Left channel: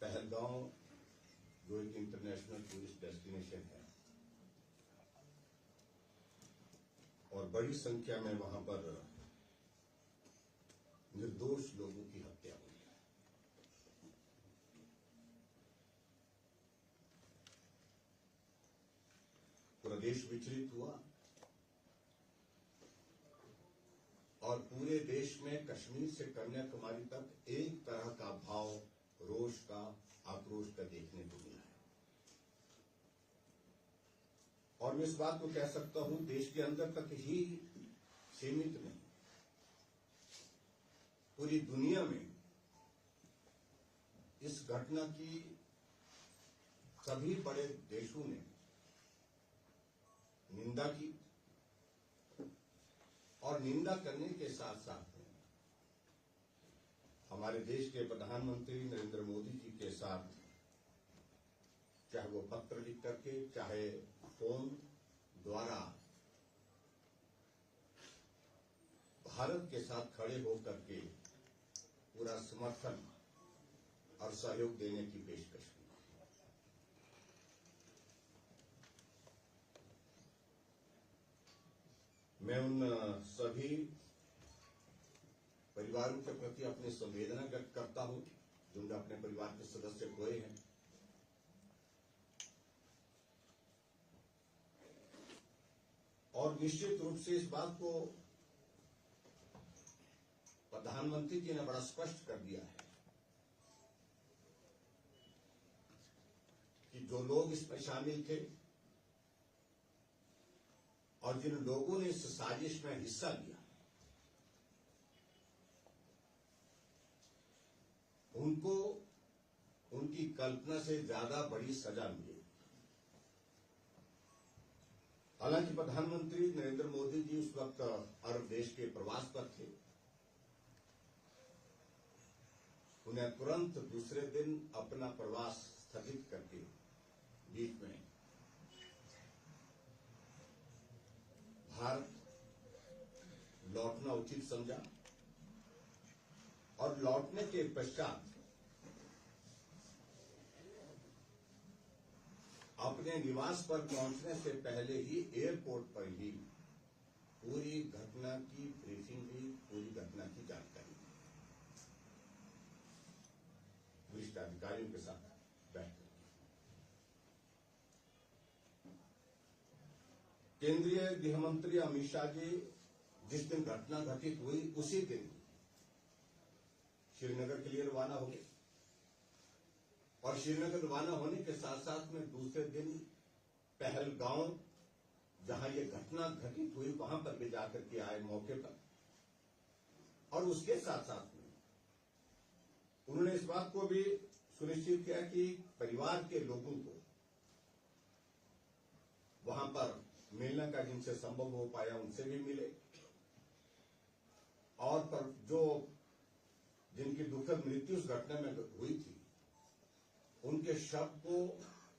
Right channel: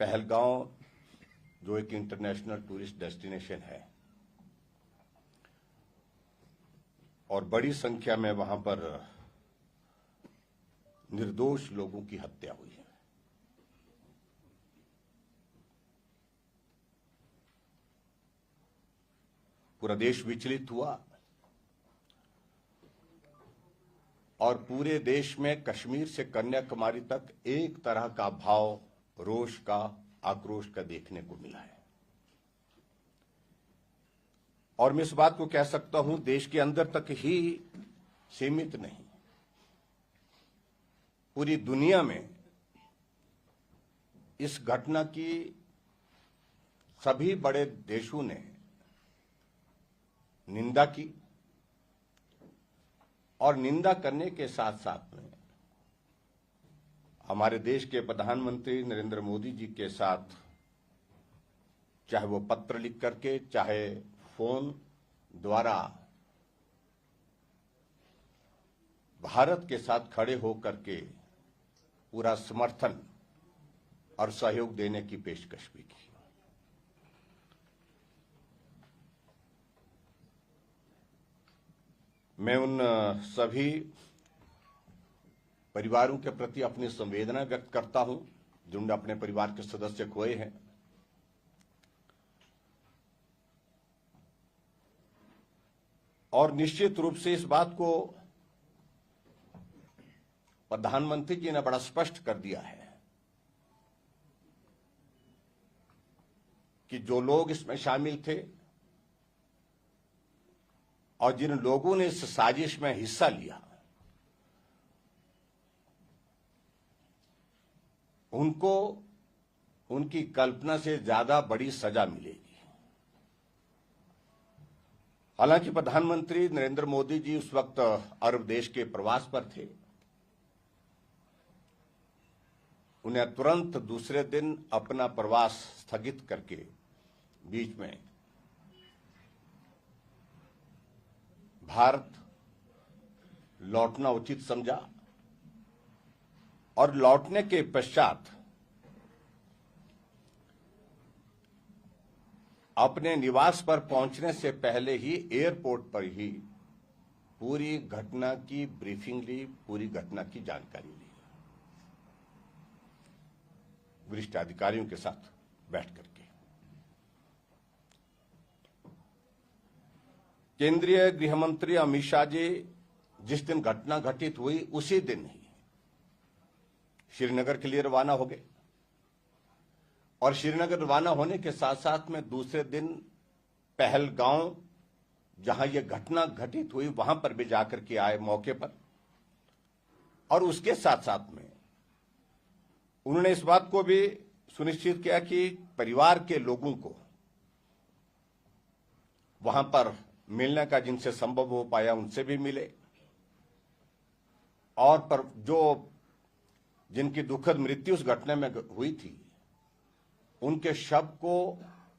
पहलगांव जो एक international tourist destination है और बड़ी संख्या में वहां पर निर्दोष लोगों की हत्या हुई है। पूरा देश विचलित हुआ और पूरे देश में कश्मीर से कन्याकुमारी तक एक तरह का भाव, रोष का, आक्रोश का देखने को मिला है। और मैं इस बात को कह सकता हूं, देश के अंदर तक ही सीमित नहीं, पूरी दुनिया में इस घटना की सभी बड़े देशों ने निंदा की और निंदा करने के साथ साथ में हमारे देश के प्रधानमंत्री नरेंद्र मोदी जी के साथ, चाहे वो पत्र लिख करके, चाहे फोन द्वारा, भारत के साथ खड़े होकर के पूरा समर्थन और सहयोग देने की पेशकश भी की। मैं उन सभी परिवारों के प्रति अपनी संवेदना व्यक्त करता हूं जिन्होंने अपने परिवार के सदस्य खोए हैं। और निश्चित रूप से इस बात को प्रधानमंत्री जी ने बड़ा स्पष्ट कर दिया है कि जो लोग इसमें शामिल थे और जिन लोगों ने इस साजिश में हिस्सा लिया, उनको उनकी कल्पना से ज्यादा बड़ी सजा मिलेगी। हालांकि प्रधानमंत्री नरेंद्र मोदी जी उस वक्त अरब देश के प्रवास पर थे। उन्हें तुरंत दूसरे दिन अपना प्रवास स्थगित करके बीच में भारत लौटना उचित समझा और लौटने के पश्चात अपने निवास पर पहुंचने से पहले ही एयरपोर्ट पर ही पूरी घटना की ब्रीफिंग ली, पूरी घटना की जानकारी ली, वरिष्ठ अधिकारियों के साथ बैठ करके। केंद्रीय गृह मंत्री अमित शाह जी जिस दिन घटना घटित हुई उसी दिन ही श्रीनगर के लिए रवाना हो गए और श्रीनगर रवाना होने के साथ साथ में दूसरे दिन पहलगांव, जहां यह घटना घटित हुई, वहां पर भी जाकर के आए मौके पर। और उसके साथ साथ में उन्होंने इस बात को भी सुनिश्चित किया कि परिवार के लोगों को वहां पर मिलने का जिनसे संभव हो पाया उनसे भी मिले और पर जो जिनकी दुखद मृत्यु उस घटना में हुई थी उनके शव को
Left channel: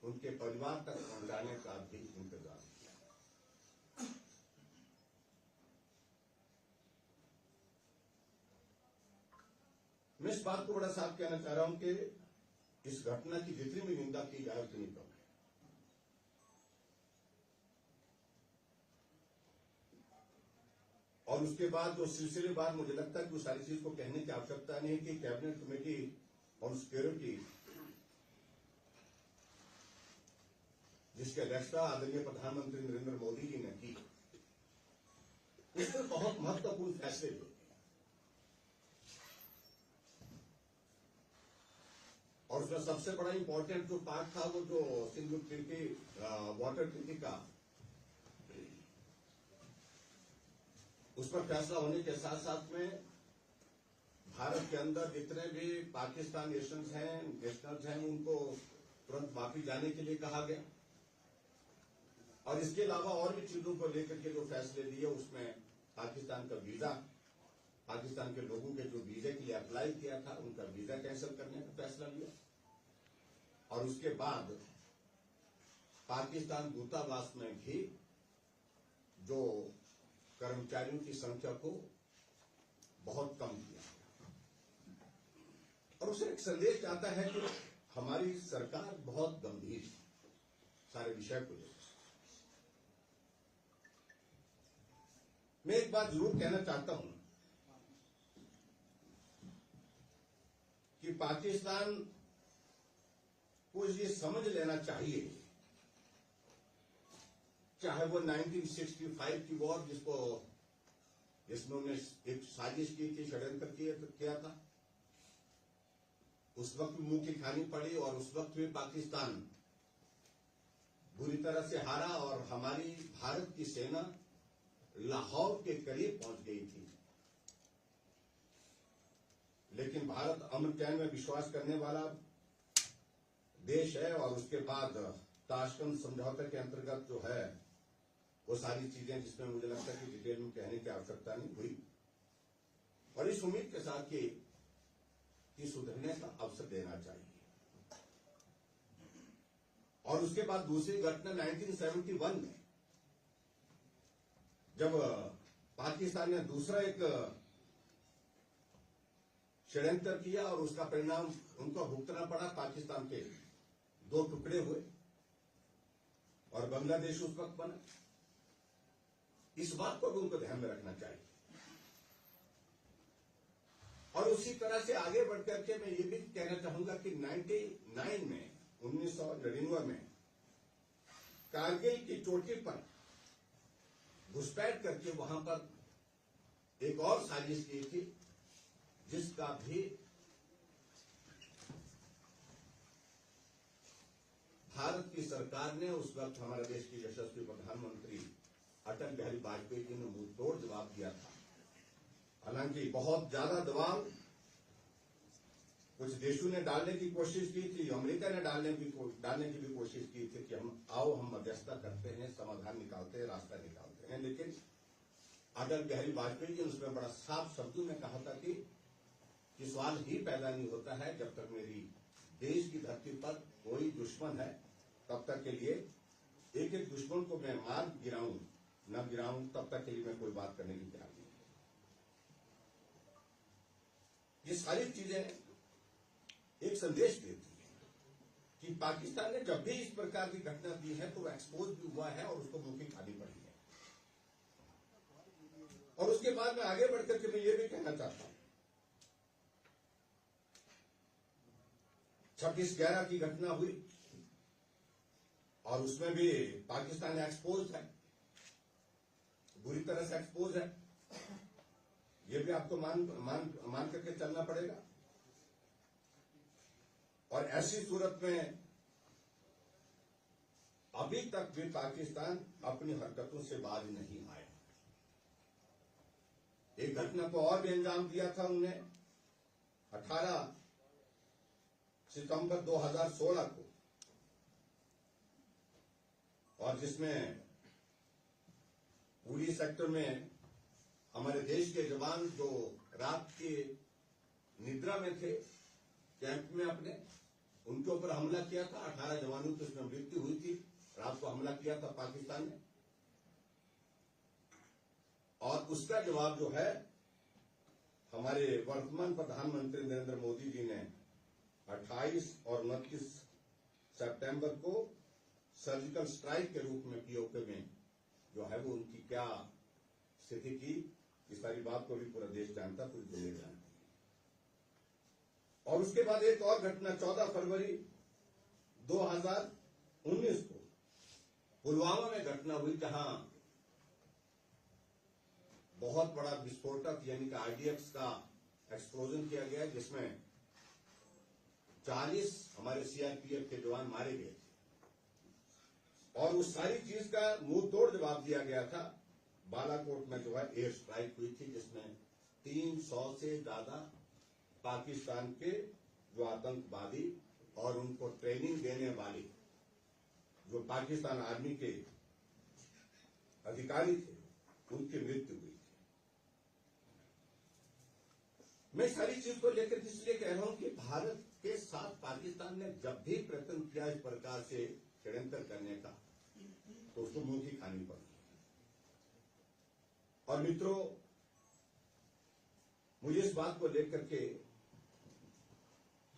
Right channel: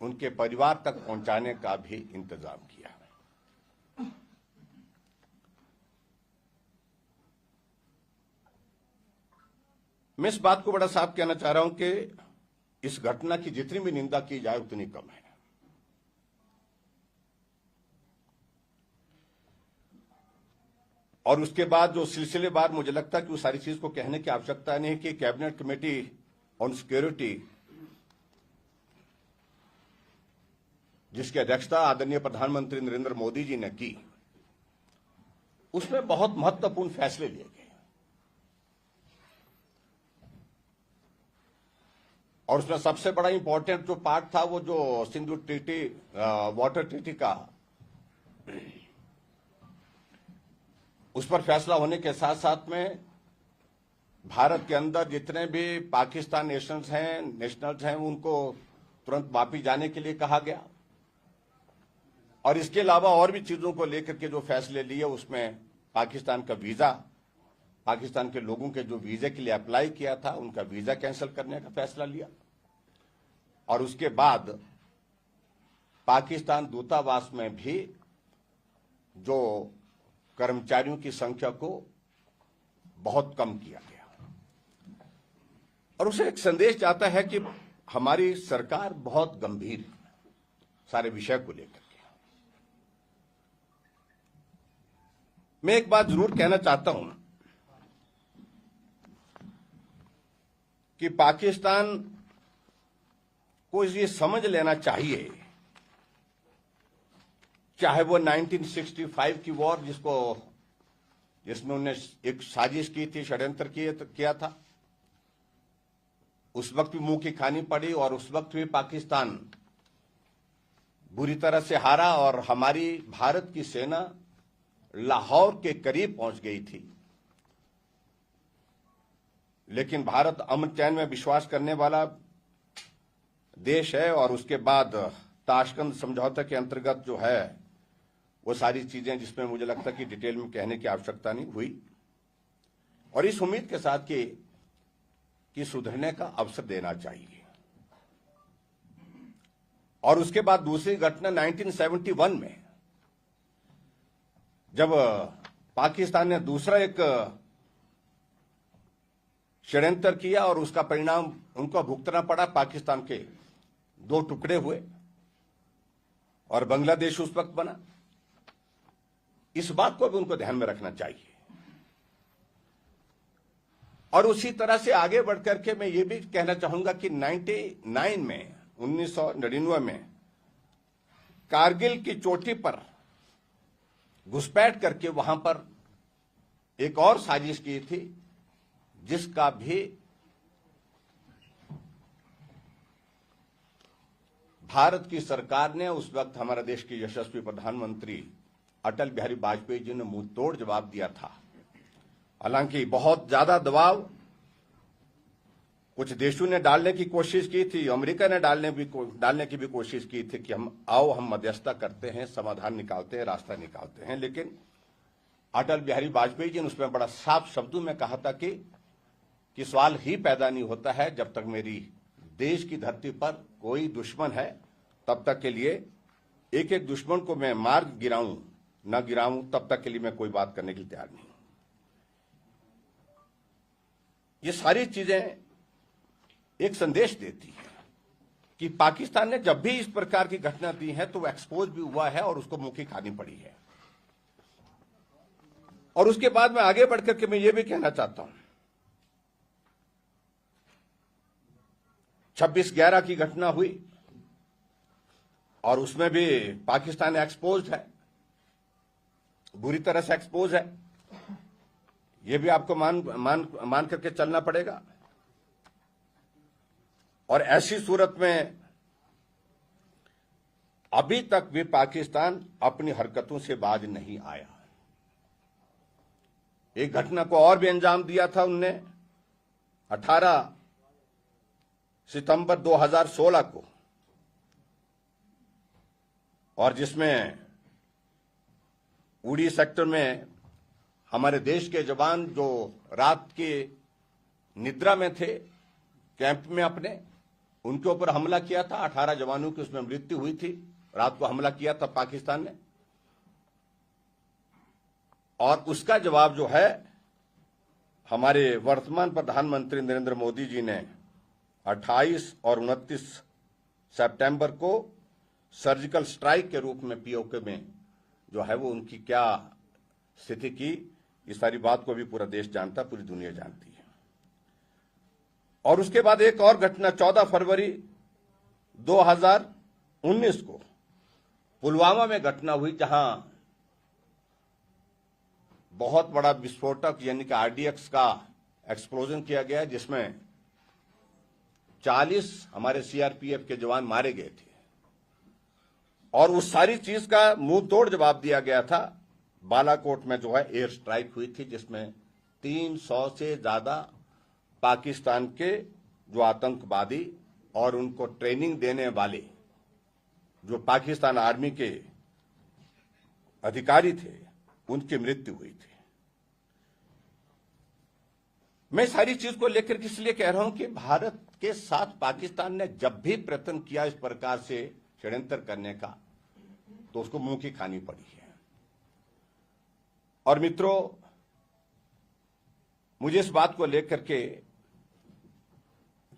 उनके परिवार तक पहुंचाने का भी इंतजाम किया। मैं इस बात को बड़ा साफ कहना चाह रहा हूं कि इस घटना की जितनी भी निंदा की जाए उतनी कम है। और उसके बाद जो सिलसिलेवार, मुझे लगता है कि उस सारी चीज को कहने की आवश्यकता नहीं है कि कैबिनेट कमेटी ऑन सिक्योरिटी, जिसकी अध्यक्षता आदरणीय प्रधानमंत्री नरेंद्र मोदी जी ने की, उसमें बहुत महत्वपूर्ण फैसले लिए गए और उसमें सबसे बड़ा इंपॉर्टेंट जो पार्ट था वो जो सिंधु ट्रीटी, वाटर ट्रीटी का, उस पर फैसला होने के साथ साथ में भारत के अंदर जितने भी पाकिस्तान नेशनल्स हैं उनको तुरंत वापस जाने के लिए कहा गया। और इसके अलावा और भी चीजों को लेकर के जो फैसले लिए उसमें पाकिस्तान का वीजा, पाकिस्तान के लोगों के जो वीजे के लिए अप्लाई किया था उनका वीजा कैंसिल करने का फैसला लिया। और उसके बाद पाकिस्तान दूतावास में भी जो कर्मचारियों की संख्या को बहुत कम किया गया। और उसे एक संदेश जाता है कि हमारी सरकार बहुत गंभीर है सारे विषय को लेकर के। मैं एक बात जरूर कहना चाहता हूं कि पाकिस्तान को ये समझ लेना चाहिए, चाहे वो 1965 की वॉर जिसमें उन्होंने एक साजिश की थी, षड्यंत्र किया था, उस वक्त भी मुंह की खानी पड़ी और उस वक्त भी पाकिस्तान बुरी तरह से हारा और हमारी भारत की सेना लाहौर के करीब पहुंच गई थी। लेकिन भारत अमन चैन में विश्वास करने वाला देश है और उसके बाद ताशकंद समझौते के अंतर्गत जो है वो सारी चीजें, जिसमें मुझे लगता है कि डिटेल में कहने की आवश्यकता नहीं हुई, और इस उम्मीद के साथ कि सुधरने का अवसर देना चाहिए। और उसके बाद दूसरी घटना 1971 में जब पाकिस्तान ने दूसरा एक षड्यंत्र किया और उसका परिणाम उनको भुगतना पड़ा। पाकिस्तान के दो टुकड़े हुए और बांग्लादेश उस वक्त बना। इस बात को भी उनको ध्यान में रखना चाहिए। और उसी तरह से आगे बढ़कर के मैं ये भी कहना चाहूंगा कि 1999 में कारगिल की चोटी पर घुसपैठ करके वहां पर एक और साजिश की थी, जिसका भी भारत की सरकार ने, उस वक्त हमारा देश के यशस्वी प्रधानमंत्री अटल बिहारी वाजपेयी जी ने मुंह तोड़ जवाब दिया था। हालांकि बहुत ज्यादा दबाव कुछ देशों ने डालने की कोशिश की थी, अमेरिका ने डालने की भी कोशिश की थी कि हम मध्यस्थता करते हैं, समाधान निकालते हैं, रास्ता निकालते हैं। लेकिन अटल बिहारी वाजपेयी जी ने उसमें बड़ा साफ शब्दों में कहा था कि सवाल ही पैदा नहीं होता है जब तक मेरी देश की धरती पर कोई दुश्मन है, तब तक के लिए एक एक दुश्मन को मैं मार गिराऊं न गिराऊं, तब तक के लिए मैं कोई बात करने के लिए तैयार नहीं। ये सारी चीजें एक संदेश देती है कि पाकिस्तान ने जब भी इस प्रकार की घटना दी है तो वो एक्सपोज भी हुआ है और उसको मुंह की खानी पड़ी है। और उसके बाद मैं आगे बढ़कर के मैं ये भी कहना चाहता हूं, 26/11 की घटना हुई और उसमें भी पाकिस्तान एक्सपोज है, बुरी तरह से एक्सपोज है। ये भी आपको मान करके चलना पड़ेगा। और ऐसी सूरत में अभी तक भी पाकिस्तान अपनी हरकतों से बाज नहीं आया। एक घटना को और भी अंजाम दिया था उनने 18 सितंबर 2016 को, और जिसमें उड़ी सेक्टर में हमारे देश के जवान जो रात के निद्रा में थे कैंप में अपने, उनके ऊपर हमला किया था। 18 जवानों की उसमें मृत्यु हुई थी। रात को हमला किया था पाकिस्तान ने, और उसका जवाब जो है हमारे वर्तमान प्रधानमंत्री नरेंद्र मोदी जी ने 28 और 29 सितंबर को सर्जिकल स्ट्राइक के रूप में पीओके में जो है वो उनकी क्या स्थिति की, इस सारी बात को भी पूरा देश जानता, पूरी दुनिया जानती है। और उसके बाद एक और घटना 14 फरवरी 2019 को पुलवामा में घटना हुई, जहां बहुत बड़ा विस्फोटक यानी कि आरडीएक्स का एक्सप्लोजन किया गया, जिसमें 40 हमारे सीआरपीएफ के जवान मारे गए थे। और उस सारी चीज का मुंह तोड़ जवाब दिया गया था। बालाकोट में जो है एयर स्ट्राइक हुई थी, जिसमें 300 से ज्यादा पाकिस्तान के जो आतंकवादी और उनको ट्रेनिंग देने वाले जो पाकिस्तान आर्मी के अधिकारी थे, उनकी मृत्यु हुई थी। मैं सारी चीज को लेकर इसलिए कह रहा हूं कि भारत के साथ पाकिस्तान ने जब भी प्रयत्न किया इस प्रकार से षड्यंत्र करने का, तो उसको मुंह की खानी पड़ी है। और मित्रों, मुझे इस बात को लेकर के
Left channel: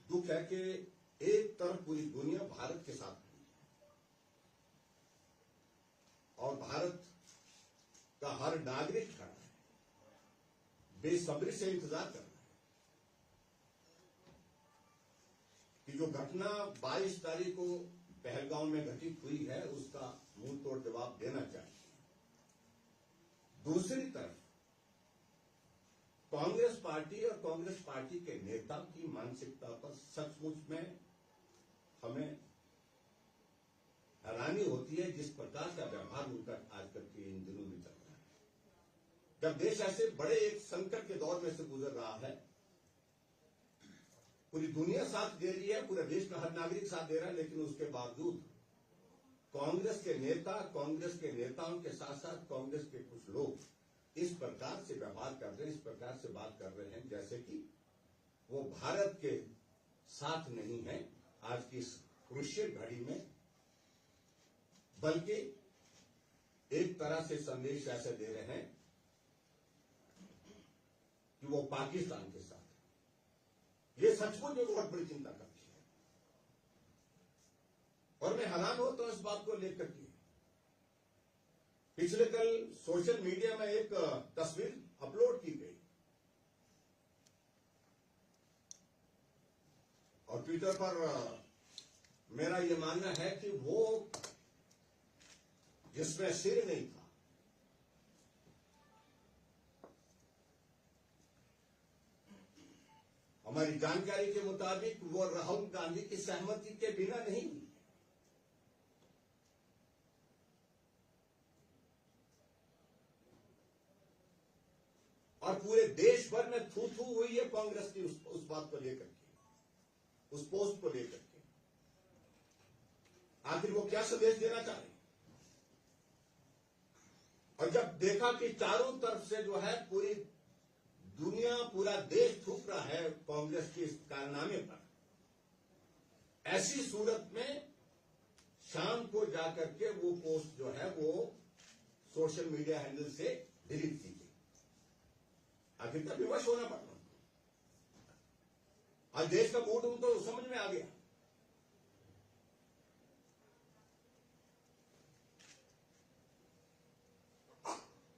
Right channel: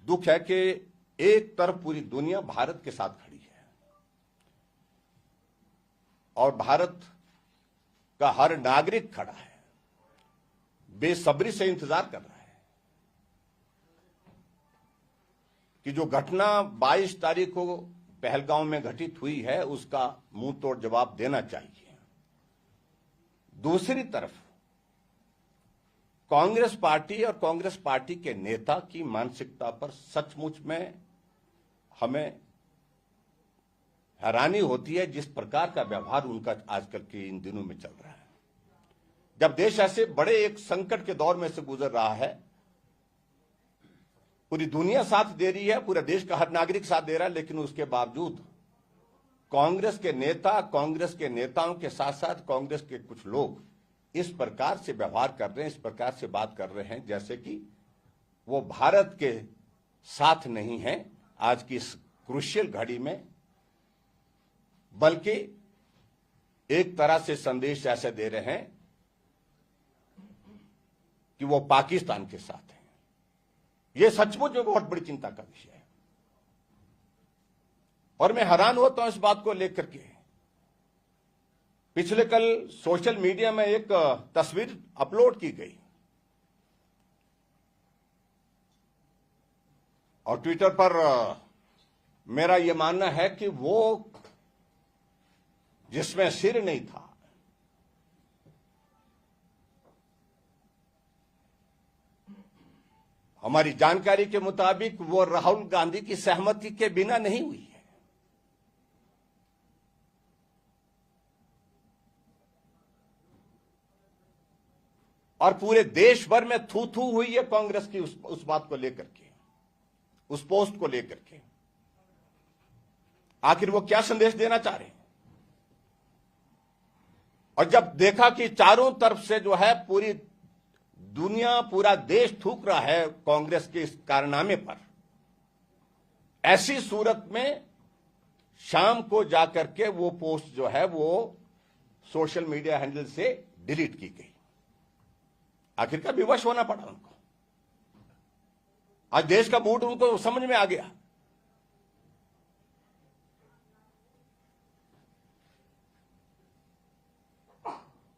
दुख है कि एक तरफ पूरी दुनिया भारत के साथ खड़ी है और भारत का हर नागरिक खड़ा है, बेसब्री से इंतजार कर रहा है कि जो घटना 22 तारीख को पहलगांव में घटित हुई है उसका मुंह तोड़ जवाब देना चाहिए। दूसरी तरफ कांग्रेस पार्टी और कांग्रेस पार्टी के नेता की मानसिकता पर सचमुच में हमें हैरानी होती है, जिस प्रकार का व्यवहार उनका आजकल के इन दिनों में चल रहा है। जब देश ऐसे बड़े एक संकट के दौर में से गुजर रहा है, पूरी दुनिया साथ दे रही है, पूरे देश का हर नागरिक साथ दे रहा है, लेकिन उसके बावजूद कांग्रेस के नेता, कांग्रेस के नेताओं के साथ साथ कांग्रेस के कुछ लोग इस प्रकार से व्यवहार कर रहे हैं, इस प्रकार से बात कर रहे हैं जैसे कि वो भारत के साथ नहीं है आज की इस क्रूशियल घड़ी में, बल्कि एक तरह से संदेश ऐसे दे रहे हैं कि वो पाकिस्तान के साथ है। ये सचमुच में बहुत बड़ी चिंता का विषय है और मैं हैरान होता हूं इस बात को लेकर के। पिछले कल सोशल मीडिया में एक तस्वीर अपलोड की गई और ट्विटर पर मेरा यह मानना है कि वो जिसमें सिर नहीं था, हमारी जानकारी के मुताबिक वो राहुल गांधी की सहमति के बिना नहीं हुई है। और पूरे देश भर में थू थू हुई है कांग्रेस की उस बात को लेकर के, उस पोस्ट को लेकर के। आखिर वो क्या संदेश देना चाह रहे हैं? और जब देखा कि चारों तरफ से जो है पूरी दुनिया, पूरा देश थूक रहा है कांग्रेस के इस कारनामे पर, ऐसी सूरत में शाम को जाकर के वो पोस्ट जो है वो सोशल मीडिया हैंडल से डिलीट की गई। आखिरकार विवश होना पड़ा उनको। आज देश का मूड उनको समझ में आ गया।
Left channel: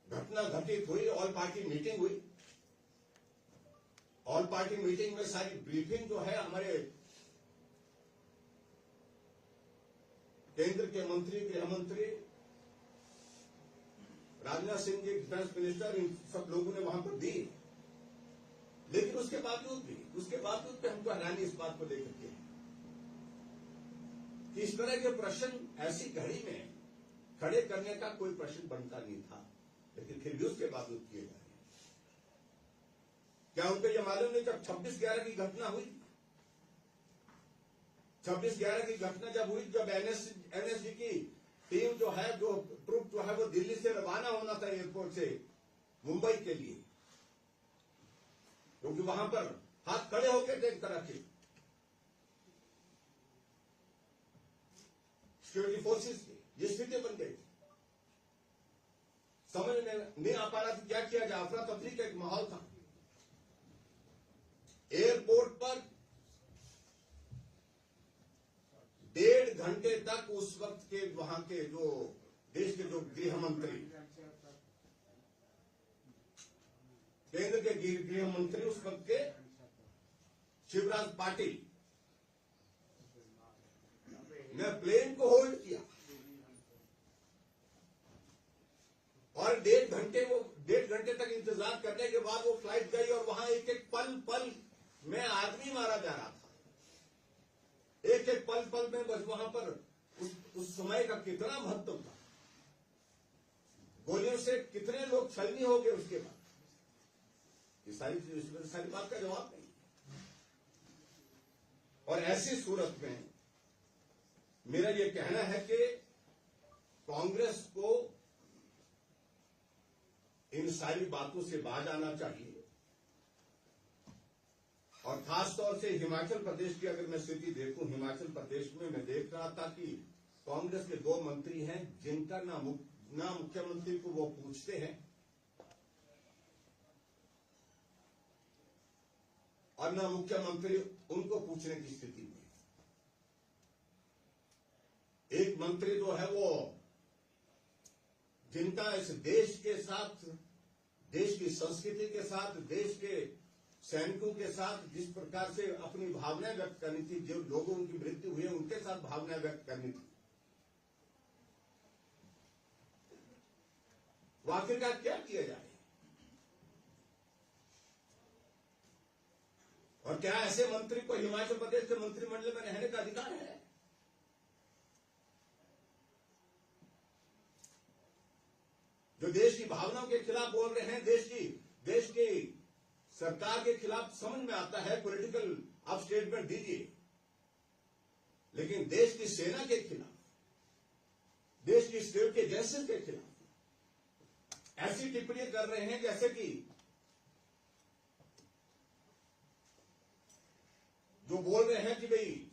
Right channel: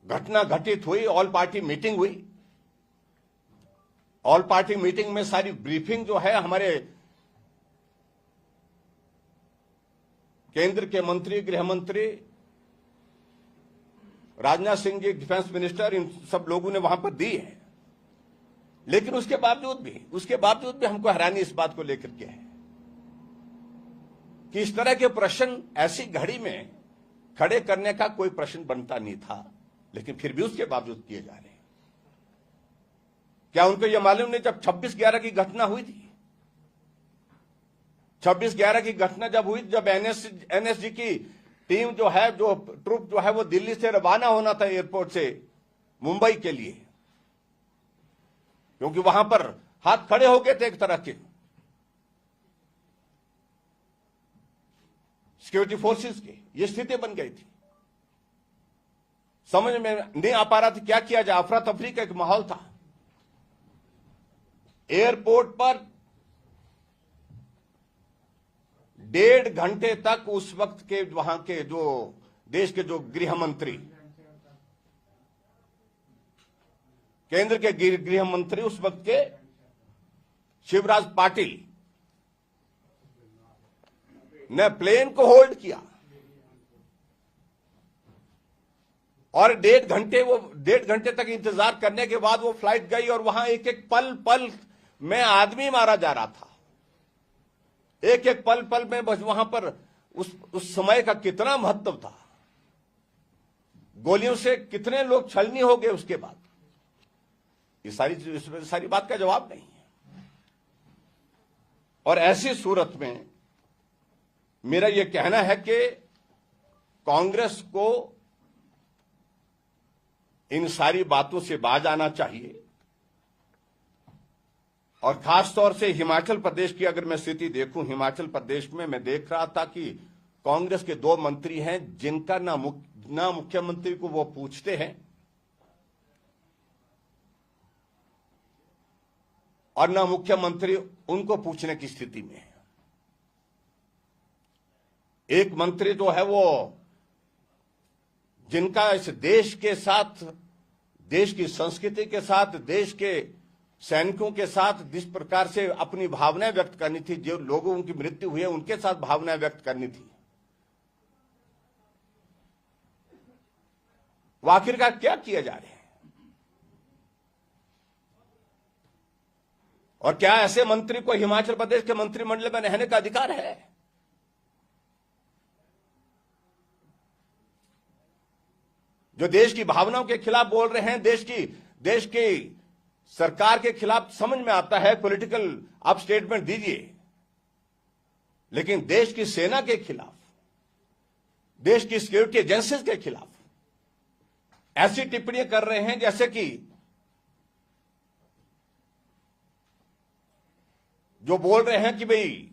घटना घटित हुई, ऑल पार्टी मीटिंग हुई। ऑल पार्टी मीटिंग में सारी ब्रीफिंग जो है हमारे केंद्र के मंत्री, गृह मंत्री, राजनाथ सिंह जी, डिफेंस मिनिस्टर, इन सब लोगों ने वहां पर दी है। लेकिन उसके बावजूद भी हमको हैरानी इस बात को लेकर के है कि इस तरह के प्रश्न ऐसी घड़ी में खड़े करने का कोई प्रश्न बनता नहीं था, लेकिन फिर भी उसके बावजूद किए जा रहे हैं। क्या उनको यह मालूम नहीं, जब 26/11 की घटना हुई थी, 26/11 की घटना जब हुई, जब एनएसजी की टीम जो है, जो ट्रुप जो है वो दिल्ली से रवाना होना था एयरपोर्ट से मुंबई के लिए, क्योंकि वहां पर हाथ खड़े हो गए थे एक तरह के सिक्योरिटी फोर्सेस के, ये स्थिति बन गई थी। समझ में नहीं आ पा रहा था क्या किया जाए, अफरा तफरी का एक माहौल था। एयरपोर्ट पर 1.5 घंटे तक उस वक्त के वहां के जो देश के जो गृह मंत्री, केंद्र के गृह मंत्री उस वक्त के शिवराज पाटिल ने प्लेन को होल्ड किया और 1.5 घंटे तक इंतजार करने के बाद वो फ्लाइट गई और वहां एक एक पल पल में आदमी मारा जा रहा था। एक एक पल पल में बस वहां पर उस समय का कितना महत्व था, गोलियों से कितने लोग छलनी हो गए उसके बाद, ये सारी बात का जवाब नहीं है। और ऐसी सूरत में मेरा यह कहना है कि कांग्रेस को इन सारी बातों से बाज आना चाहिए। और खास तौर से हिमाचल प्रदेश की अगर मैं स्थिति देखूं, हिमाचल प्रदेश में मैं देख रहा था कि कांग्रेस के 2 मंत्री हैं जिनका ना मुख्यमंत्री को वो पूछते हैं और ना मुख्यमंत्री उनको पूछने की स्थिति में है। एक मंत्री तो है वो जिनका इस देश के साथ, देश की संस्कृति के साथ, देश के सैनिकों के साथ जिस प्रकार से अपनी भावनाएं व्यक्त करनी थी, जो लोगों की मृत्यु हुई है उनके साथ भावनाएं व्यक्त करनी थी, वो आखिरकार क्या किया जा रहा है? और क्या ऐसे मंत्री को हिमाचल प्रदेश के मंत्रिमंडल में रहने का अधिकार है? जो देश की भावनाओं के खिलाफ बोल रहे हैं, देश की सरकार के खिलाफ, समझ में आता है पॉलिटिकल आप स्टेटमेंट दीजिए, लेकिन देश की सेना के खिलाफ, देश की सिक्योरिटी एजेंसीज के खिलाफ ऐसी टिप्पणियां कर रहे हैं जैसे कि जो बोल रहे हैं कि भाई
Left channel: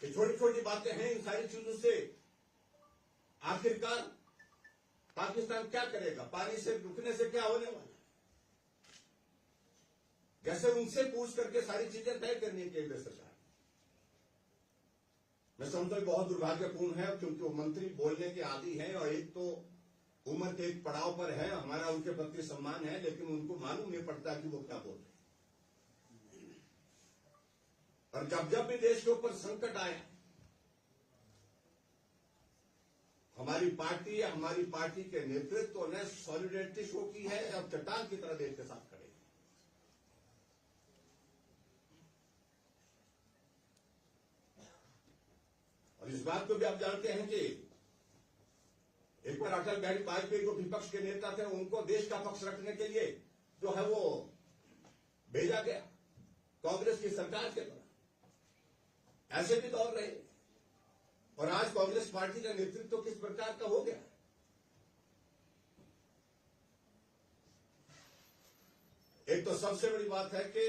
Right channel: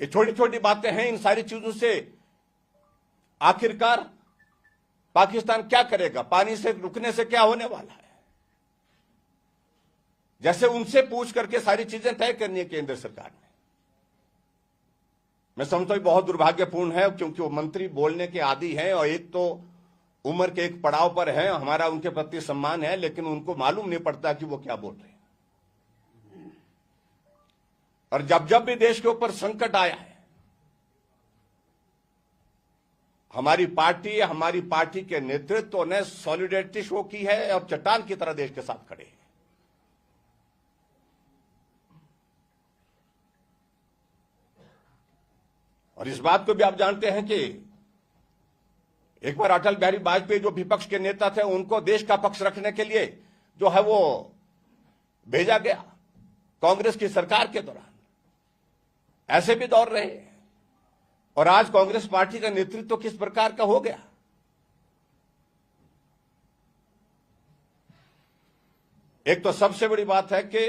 ये छोटी छोटी बातें हैं, इन सारी चीजों से आखिरकार पाकिस्तान क्या करेगा, पानी से रुकने से क्या होने वाला है, जैसे उनसे पूछ करके सारी चीजें तय करनी है केंद्र सरकार ने। मैं समझता हूं बहुत दुर्भाग्यपूर्ण है, क्योंकि वो मंत्री बोलने के आदी हैं और एक तो उम्र के एक पड़ाव पर है, हमारा उनके प्रति सम्मान है, लेकिन उनको मालूम नहीं पड़ता कि वो क्या बोल रहे हैं। और जब जब भी देश के ऊपर संकट आया है, हमारी पार्टी के नेतृत्व ने सॉलिडेरिटी शो की है और चट्टान की तरह देश के साथ खड़े हैं। और इस बात को भी आप जानते हैं कि एक बार अटल बिहारी वाजपेयी जो विपक्ष के नेता थे, उनको देश का पक्ष रखने के लिए जो है वो भेजा गया कांग्रेस की सरकार के दौरान। ऐसे भी दौर रहे और आज कांग्रेस पार्टी का नेतृत्व किस प्रकार का हो गया। एक तो सबसे बड़ी बात है कि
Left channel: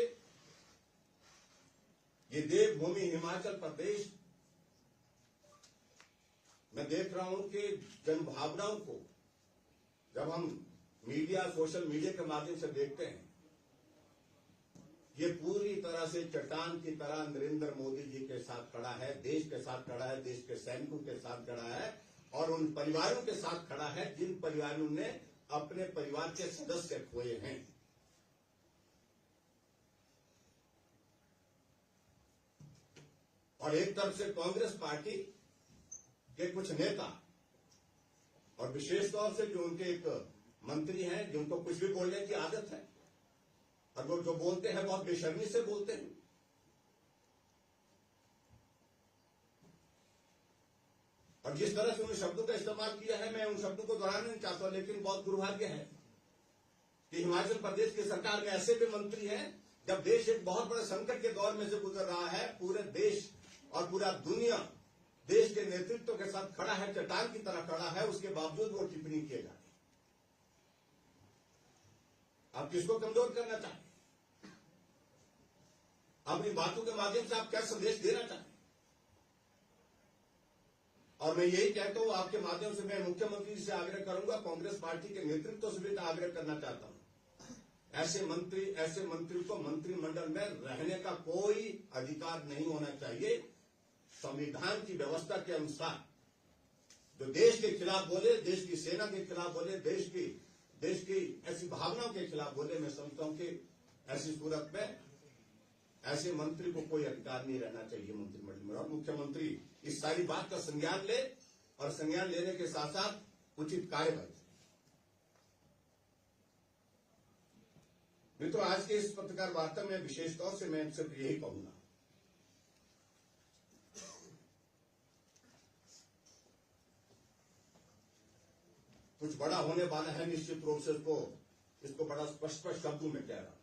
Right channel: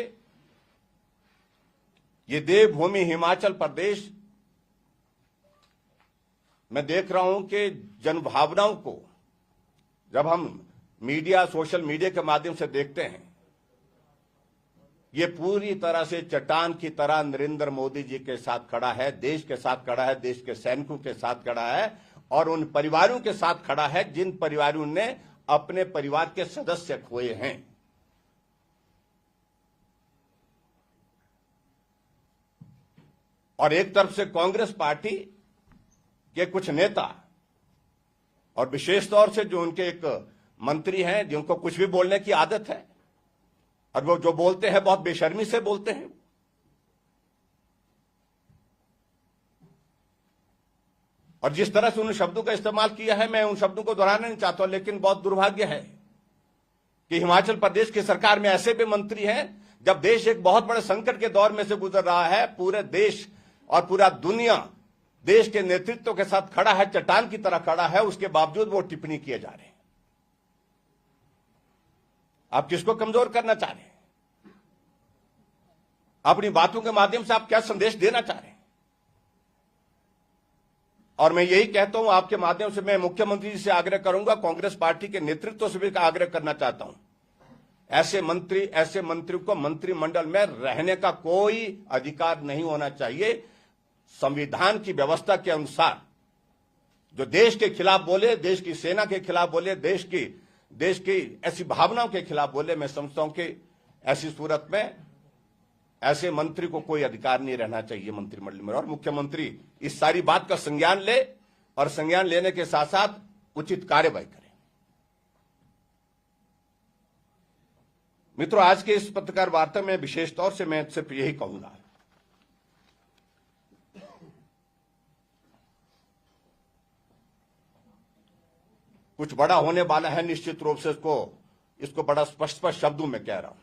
ये देवभूमि हिमाचल प्रदेश, मैं देख रहा हूं कि जनभावनाओं को जब हम मीडिया, सोशल मीडिया के माध्यम से देखते हैं, ये पूरी तरह से चट्टान की तरह नरेंद्र मोदी जी के साथ खड़ा है, देश के साथ खड़ा है, देश के सैनिकों के साथ खड़ा है और उन परिवारों के साथ खड़ा है जिन परिवारों ने अपने परिवार के सदस्य खोए हैं। और एक तरफ से कांग्रेस पार्टी के कुछ नेता और विशेष तौर से जो उनके एक मंत्री हैं जिनको कुछ भी बोलने की आदत है और वो जो बोलते हैं बहुत बेशर्मी से बोलते हैं। और जिस तरह से उन शब्दों का इस्तेमाल किया है, मैं उन शब्दों को दोहराना नहीं चाहता, लेकिन बहुत दुर्भाग्य है कि हिमाचल प्रदेश की सरकार में ऐसे भी मंत्री हैं, जब देश एक बहुत बड़े संकट के दौर में से गुजर रहा है, पूरे देश और पूरा दुनिया देश के नेतृत्व के साथ खड़ा है, चट्टान की तरह खड़ा है, उसके बावजूद वो टिप्पणी किए जा रहे हैं। आप किसको कमजोर करना चाह रहे हैं? अपनी बातों के माध्यम से आप क्या संदेश देना चाह रहे हैं? और मैं यही कहता हूं, आपके माध्यम से मैं मुख्यमंत्री जी से आग्रह करूंगा, कांग्रेस पार्टी के नेतृत्व से भी आग्रह करना चाहता हूं, ऐसे मंत्री को मंत्रिमंडल में रहने का कोई अधिकार नहीं होना चाहिए। संविधान की व्यवस्था के अनुसार जो देश के खिलाफ बोले, देश की सेना के खिलाफ बोले, देश की ऐसी भावनाओं के खिलाफ बोले, मैं समझता हूं कि ऐसी सूरत में ऐसे मंत्री को कोई अधिकार नहीं रहना चाहिए मंत्रिमंडल में। और मुख्यमंत्री इस सारी बात का संज्ञान ले और संज्ञान लेने के साथ साथ उचित कार्यवाही करें। मित्रों, आज के इस पत्रकार वार्ता में विशेष तौर से मैं सिर्फ यही कहूंगा, कुछ बड़ा होने वाला है, निश्चित रूप से इसको बड़ा स्पष्ट शब्दों में कह रहा हूं।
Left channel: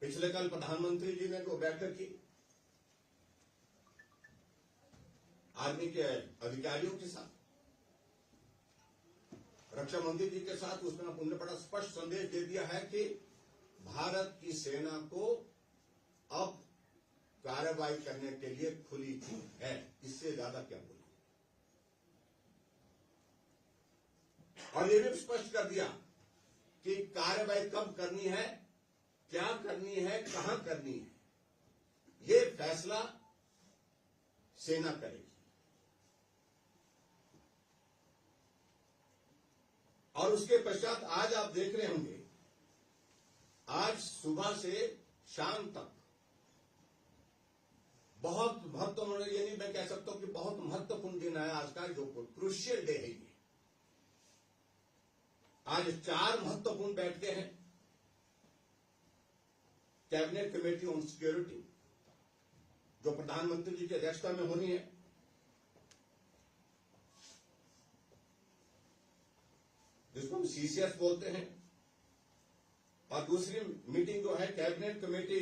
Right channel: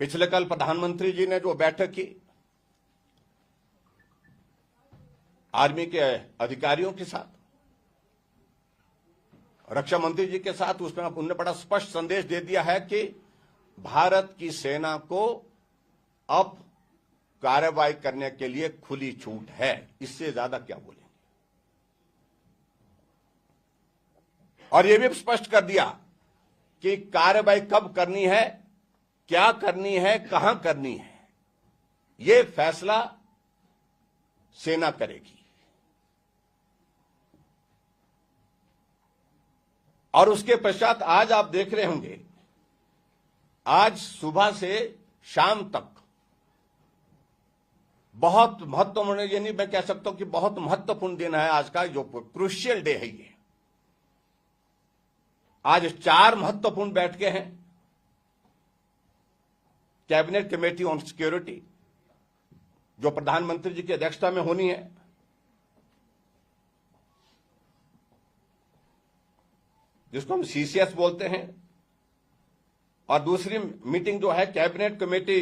पिछले कल प्रधानमंत्री जी ने जो बैठक की आर्मी के अधिकारियों के साथ, रक्षा मंत्री जी के साथ, उसमें उन्होंने बड़ा स्पष्ट संदेश दे दिया है कि भारत की सेना को अब कार्रवाई करने के लिए खुली छूट है। इससे ज्यादा क्या बोलेंगे? और यह भी स्पष्ट कर दिया कि कार्रवाई कब करनी है क्या करनी है, कहां करनी है, ये फैसला सेना करेगी। और उसके पश्चात आज आप देख रहे होंगे, आज सुबह से शाम तक बहुत महत्वपूर्ण, यानी मैं कह सकता हूं कि बहुत महत्वपूर्ण दिन है आज का, जो क्रूशियल डे है ये। आज 4 महत्वपूर्ण बैठकें हैं। कैबिनेट कमेटी ऑन सिक्योरिटी, जो प्रधानमंत्री जी की अध्यक्षता में होनी है, जिसको हम सीसीएस बोलते हैं। और दूसरी मीटिंग जो है cabinet committee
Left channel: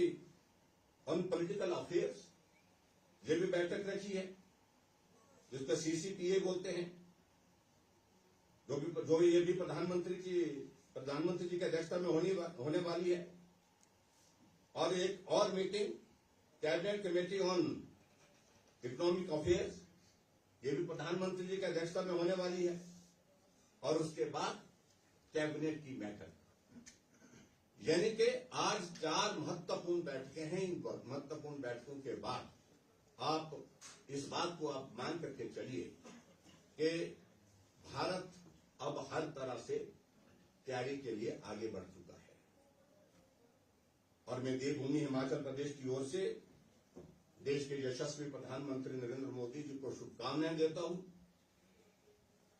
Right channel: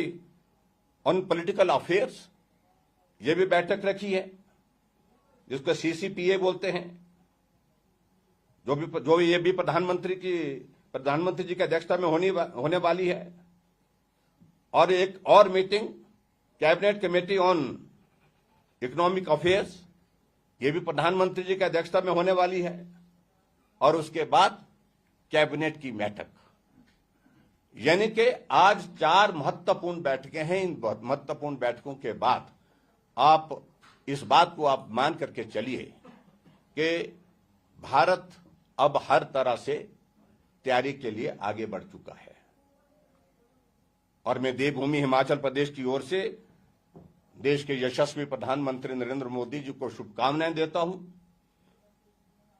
on political affairs, ये भी बैठक रखी है, जिसको सीसीपीए बोलते हैं, जो ये भी प्रधानमंत्री जी की अध्यक्षता में होने वाली है। और एक और meeting cabinet committee on economic affairs, ये भी प्रधानमंत्री जी की अध्यक्षता में होने वाली है। और उसके बाद कैबिनेट की बैठक, यानी कि आज 4 महत्वपूर्ण बैठकें हैं। इन महत्वपूर्ण बैठकों के बाद आप इस बात को आप मान करके चलिए कि भारत अब हर तरह से तैयारी के लिए आगे बढ़ चुका है। और मैं देवभूमि हिमाचल प्रदेश की ओर से देश के यशस्वी प्रधानमंत्री नरेंद्र मोदी जी को शुभकामनाएं देता हूं।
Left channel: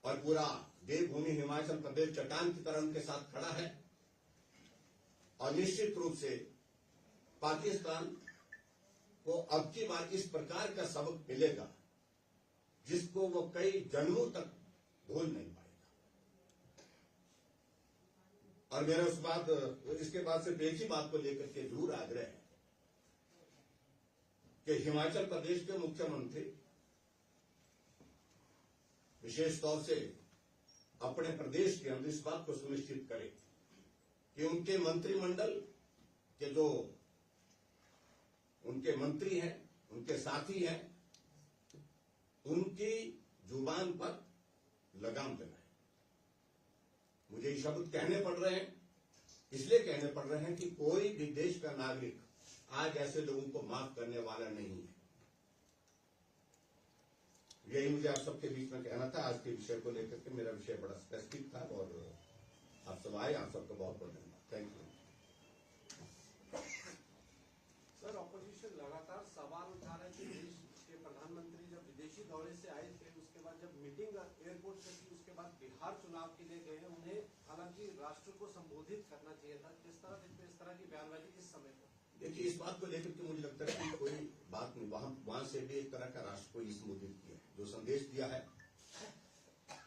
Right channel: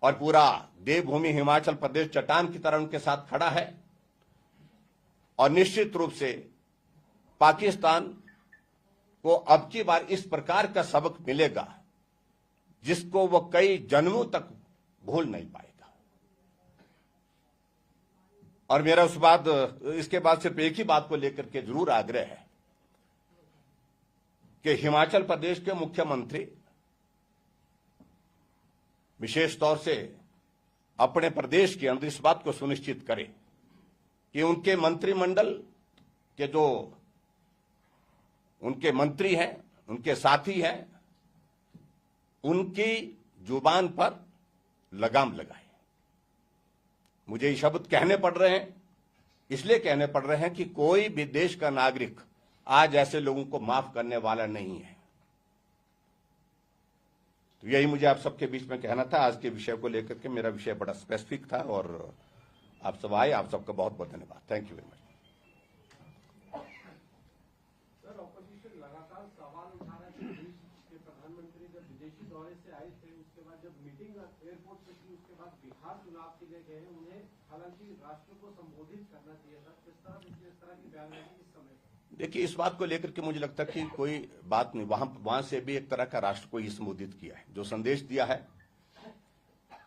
और पूरा देवभूमि हिमाचल प्रदेश चट्टान की तरह उनके साथ खड़ा है। और निश्चित रूप से पाकिस्तान को अब की बार इस प्रकार का सबक मिलेगा जिसको वो कई जन्मों तक भूल नहीं पाएगा। और मेरा इसके बाद सिर्फ एक ही बात को लेकर के जरूर आग्रह है कि हिमाचल प्रदेश के मुख्यमंत्री विशेष तौर से अपने प्रदेश के अंदर इस बात को सुनिश्चित करें कि उनके मंत्रिमंडल के जो उनके मंत्री हैं, उनके साथी हैं, उनकी जुबान पर लगाम लगाए। मुझे ये शब्द कहने पड़ रहे हैं, इसलिए कहने पड़ रहे हैं कि कोई भी देश का नागरिक आज ऐसे लोगों को माफ करने वाला नहीं है। तो यही मुझे आप सबके बीच में कहना था। आज के विषय को लेकर के मेरा विषय बड़ा स्पेसिफिक था और आप सब आए, आप सबका बहुत बहुत धन्यवाद। Thank you very much. Sir, opposition लगातार सवाल उठा रहा है कि देश के प्रधानमंत्री जब विदेशी दौरे से आए थे, उसके बाद जब मीटिंग एयरपोर्ट से की, उसके बाद बिहार चुनाव के लिए गए हैं, उन्हें हालांकि राष्ट्र को संबोधित करना चाहिए था। किस तरह की बयानबाजी इस समय? देखिए, इस बात को लेकर के मुझे लगता है कि कोई बात नहीं। वहां से भी एक तरह का राष्ट्र को ही संबोधित किया है। जो संदेश दिया है,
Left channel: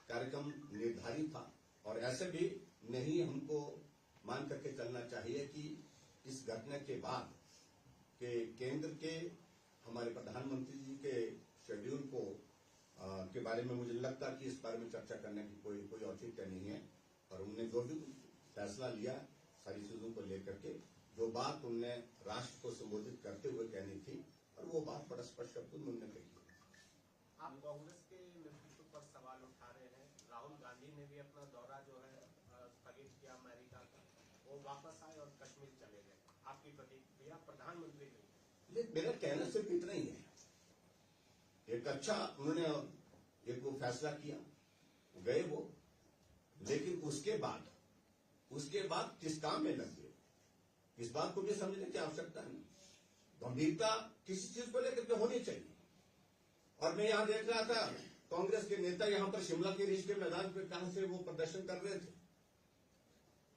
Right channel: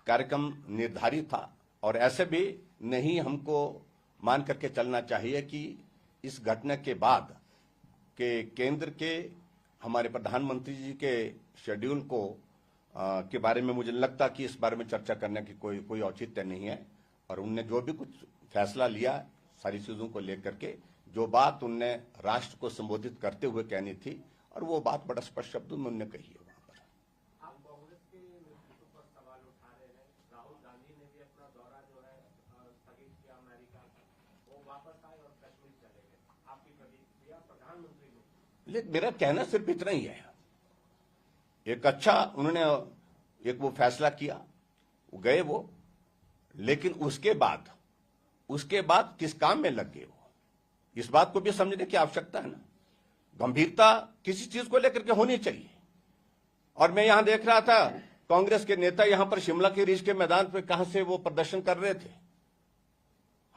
कार्यक्रम निर्धारित था। और ऐसे भी नहीं हमको मान करके चलना चाहिए कि इस घटना के बाद के केंद्र के हमारे प्रधानमंत्री जी के शेड्यूल को के बारे में मुझे लगता कि इस बारे में चर्चा करने की कोई औचित्य नहीं है। और उनने जो भी कुछ फैसला लिया, सारी चीजों को लेकर के जो बात उनने राष्ट्र को संबोधित करते हुए कहनी थी, और वो बात बड़ा स्पष्ट शब्दों में उन्होंने कही है। आप कांग्रेस के नेतृत्व पर सवाल उठा रहे हैं। राहुल गांधी ने भी अपना दौरा जो है स्थगित किया अमेरिका का, वो वापस आए और कश्मीर चले गए। आपकी प्रतिक्रिया? प्रधानमंत्री ने, लेकिन मेरा कहना सिर्फ इतना ही है, एक अच्छा उन्होंने एक वो फैसला किया, वो गए वो, लेकिन उसके बाद किस काम में लग गए वो, इस बात को भी समझने की आवश्यकता है ना। गंभीरता किसी चीज को लेकर के होनी चाहिए। और मैं यहां देख रहा था कांग्रेस के नेता यहां पर शिमला के रिज के मैदान पर कहां से वो प्रदर्शन कर रहे थे,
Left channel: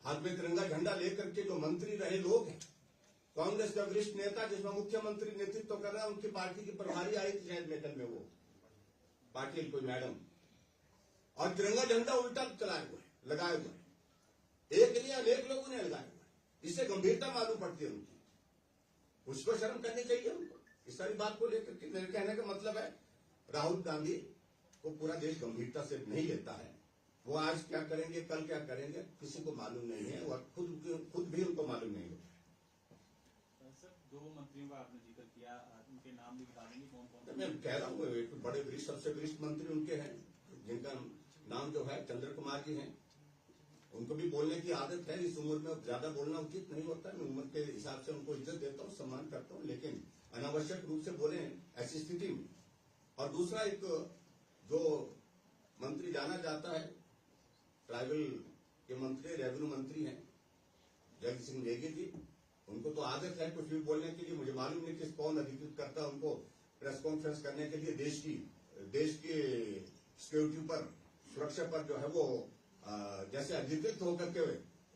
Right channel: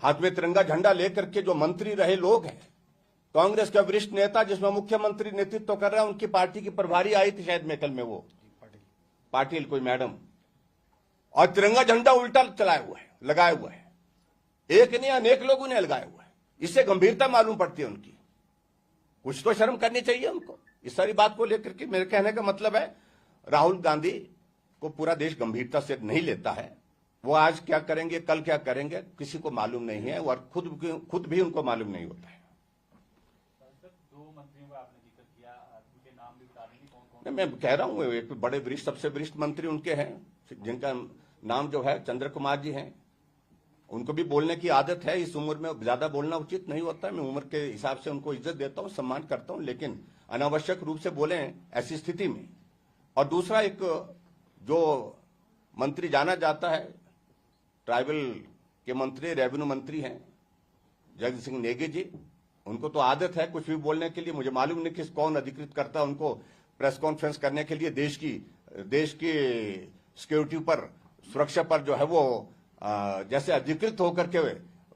हाथ में तिरंगा झंडा लेकर के। जो मंत्री रहे लोग हैं, कांग्रेस का वरिष्ठ नेता जिसमें मुख्यमंत्री नेतृत्व कर रहा है, उनकी पार्टी की प्रभारी आई थी शायद मेकल में, वो पाटिल कोई मैडम, और तिरंगा झंडा उल्टा चलाया हुआ है, लगाया हुआ है। एक नहीं अनेक लोगों ने लगाया हुआ है। इससे गंभीरता मालूम पड़ती है उनकी। कुछ तो शर्म करनी चाहिए उनको इस सारी बात को लेकर के। मेरे कहने का मतलब है, राहुल गांधी को पूरा देश गंभीरता से नहीं लेता है। वो आज क्या करेंगे, कल क्या करेंगे, किसी को मालूम नहीं है, और खुद भी उनको मालूम नहीं होता है। दो मंत्रियों का आपने जिक्र किया, उनके नाम भी बता देंगे कौन कौन? मैं कह रहा हूं, एक बड़े वरिष्ठ, सबसे वरिष्ठ मंत्री उनके हैं, जिनका नाम जो है चंद्र कुमार जी हैं, उनको भी बोलने की आदत है। इस उम्र में ज्यादा बोलना उचित नहीं होता है। मैं उम्र के हिसाब से उनको इज्जत देता हूं, सम्मान करता हूं, लेकिन अनावश्यक रूप से बोले ऐसी स्थिति में। और दूसरा, एक जो मंत्री जाना जाता है, ट्राइबल के मंत्री, रेवेन्यू मंत्री हैं जगदीश सिंह नेगी जी, उनको तो आदत है कुछ भी बोलने के लिए। मुझे मालूम नहीं कि कौन अधिकृत करता है उनको प्रेस कॉन्फ्रेंस करने के लिए। देश की सिक्योरिटी पर, सुरक्षा पर जो है वो जैसे अधिकृत होकर के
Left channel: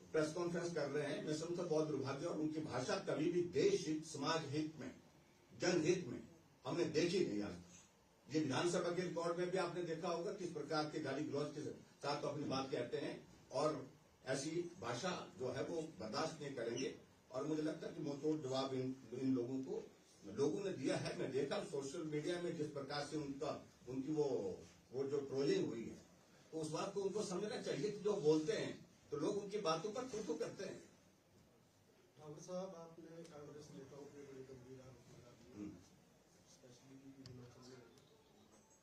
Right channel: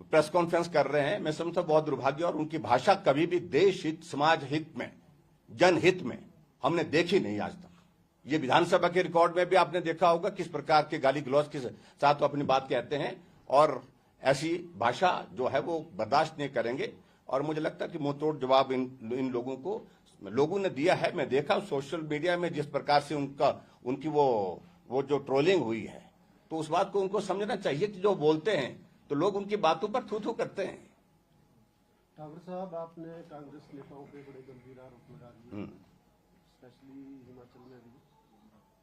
प्रेस कॉन्फ्रेंस कर रहे हैं। मैं समझता बहुत दुर्भाग्य। और उनकी भाषा कभी भी देश हित, समाज हित में, जनहित में हमने देखी नहीं आज तक। ये विधानसभा के रिकॉर्ड में भी आपने देखा होगा किस प्रकार के गाली गलौज के साथ वो अपनी बात कहते हैं, और ऐसी भाषा जो है वो बर्दाश्त नहीं करेंगे। और मुझे लगता है कि मुंहतोड़ जवाब इन लोगों ने दिया है। मैं देखा सोशल मीडिया में जिस प्रकार से उनकी वो जो ट्रोलिंग हुई है, तो उस बात को उनको समझना चाहिए कि जो बोलते हैं तो लोग उनकी बातों पर थू थू करते हैं। ठाकुर साहब, आपने कांग्रेस नेताओं पे बड़े गंभीर आरोप लगा दिए, स्पेशली हिमाचल में भी।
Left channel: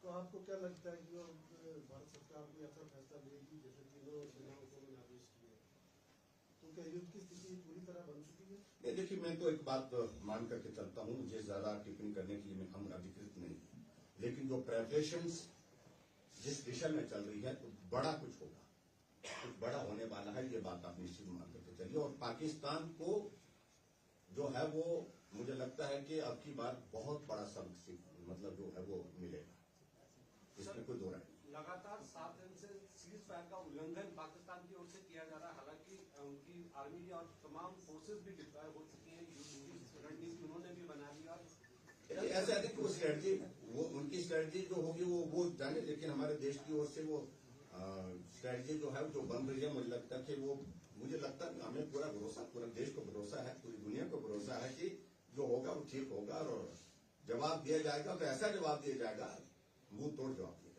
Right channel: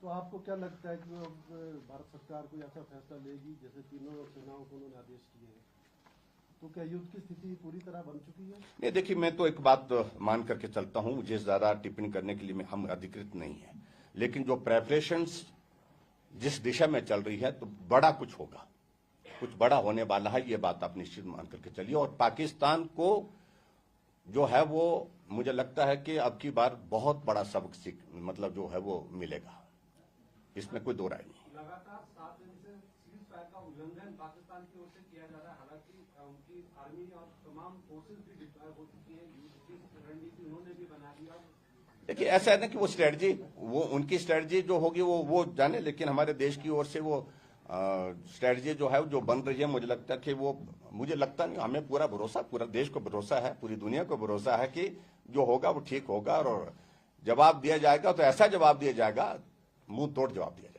तो आपको क्या लगता है कि अब भारत सरकार कोई ऐसा फैसला लेगी, जैसे तीनों सेनाओं को उन्होंने आदेश दिए हैं, तो क्या युद्ध की स्थिति पूरी तरह बन चुकी है? नहीं, देखिए, मैं तो एक बात मान करके चलता हूं, मुझे ज्यादा टिप्पणी करने के लिए हम अधिकृत नहीं है, लेकिन जो प्रेपरेशंस जिस दिशा में चल रही है तो बड़ा कुछ होगा, कुछ बड़ा होने वाला है, ये बात आप निश्चित मान करके चलिए। और पाकिस्तान को जो है वो मुझे लगता है कि अब की बार बहुत बड़ा सबक मतलब जो है वो मिलेगा, इसमें कोई दो राय नहीं। लगातार 7 दिन से सीज फायर का उल्लंघन पाकिस्तान की ओर से किया जा रहा है। हालांकि उनकी आर्मी और तमाम फोर्सेस भी डिप्लॉय हो चुकी है, रणनीति उन्होंने भी बना लिया। देखिए, ऐसा है ना कि वो स्ट्रेटजी, वो उनकी स्ट्रेटजी जो होगी वो जाने, लेकिन हमारे देश की ओर से वो स्ट्रेटजी जो है जो बन रही है, मुझे लगता है कि वो, मुझे लगता नहीं, हमें पूरा भरोसा, पूरा देश को भरोसा है, पूरी दुनिया को भरोसा है कि जो होगा वो ठीक होगा। और जवाब दिया जाएगा तो ऐसा जवाब दिया जाएगा, मुंह तोड़ जवाब दिया जाएगा।